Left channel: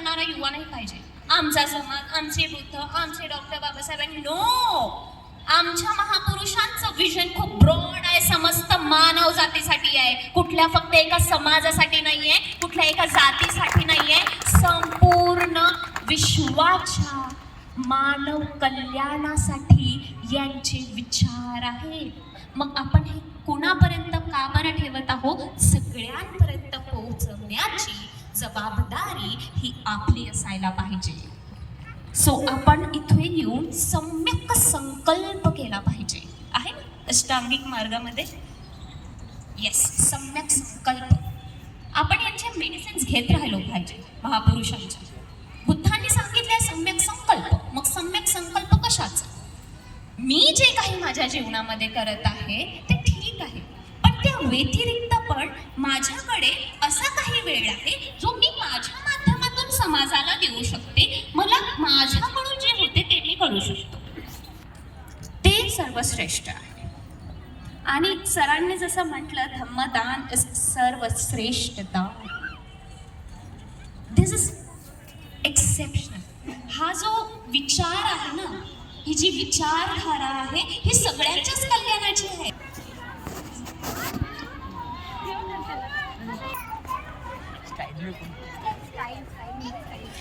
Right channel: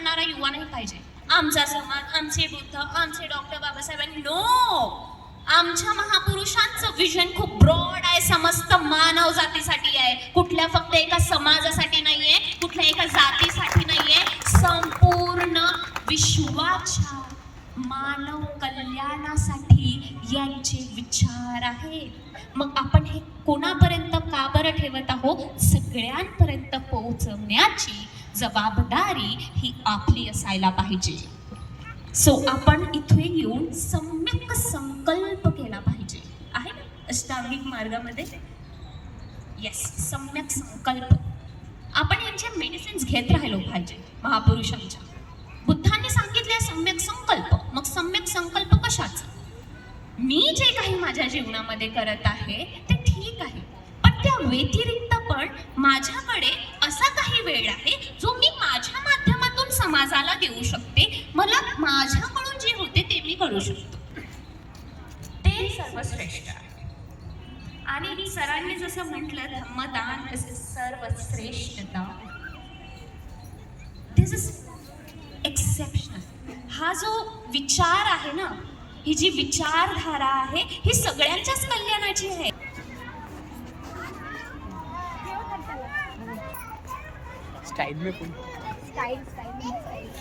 करणारा युवा नाही पाहिजे. आमचा समाज आमचे बुद्ध आमचे डॉक्टर बाबासाहेबांनी नो आमच्या महापुरुषांचं विजन खूप ब्रॉड आहे समस्त मानव जातीसाठी आहे. कुठल्या फक्त एका समाजासाठी नाहीये कुठल्या एका जातीसाठी नाहीये. संपूर्ण विश्वाच्या मानव कल्याणासाठी यांचे विचार आहेत. मग आपण हे कोणापर्यंत का बरं ठेवत आहोत? सगळ्यांपर्यंत पोहोचवण्याची जबाबदारी ही आपली असायला पाहिजे. सो आपण इथे येऊन सम्यक संकल्प केला पाहिजे. आहे ना? अष्टांगिक मार्गामध्ये? येस सम्यक संकल्प. आपण यांचे मेडिसिन्स घेत राहिलो पाहिजे महापुरुषांच्या. बुद्धांनी सांगितले सम्यक संकल्प. मग सम्यक संकल्प कशाचा? मी जे काही माझ्या जीवनामध्ये करत आहे ते ठीक आहे. पण त्या व्यतिरिक्त पण माझ्याकडे असा काही वेळ आहे जो समाजाला देऊ शकते. मला माझ्याकडून जे होते ते मी करू शकतो. ते सर्वश्रेष्ठ आहे. आणि सरांनी जसं म्हटलं धम्मदान इज सर्वश्रेष्ठ दान दिस इज एक्सेप्शनल हा जो विचार आहे ना ही जी विचारधारा आहे ही सगळ्यांच्याच कल्याणाची आहे. स्टाइल में स्टाईल स्टाईल स्टाईल